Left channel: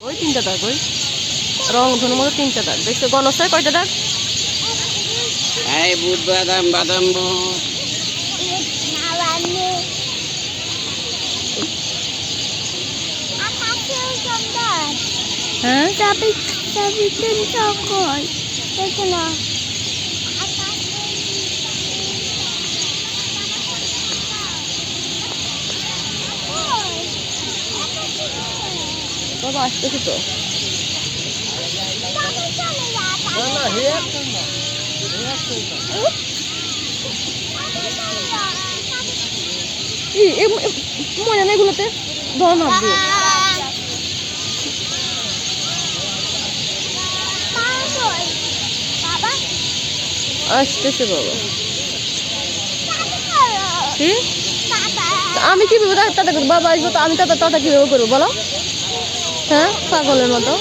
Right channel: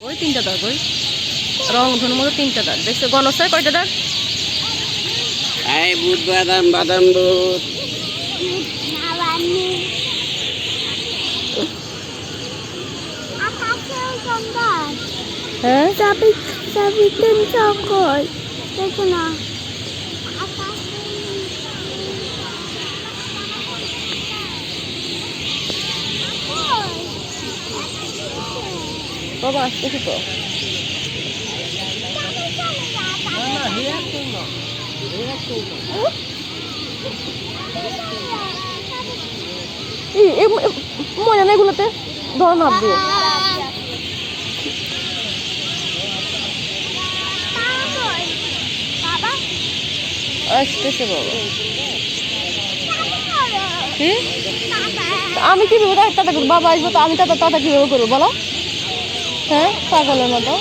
ওই তিনটা দাগ, ওই রং ধনুর মতো তিনটা দাগ দেখছো? গণসায় কয়টা দাগ? এই বুট বাদাম বাদাম বুট হ্যাঁ Tapi tim cokol. Sana. বাবা আসতেছে তো। মজা না এগুলোতে, ধর মাপ দিয়ে আসতেছে বাবা। কি আমি কিভাবে টাটা করবো? বাবা আসবো তো আমি টাটা কিভাবে করবো বলো? হ্যাঁ পাগলের মতো।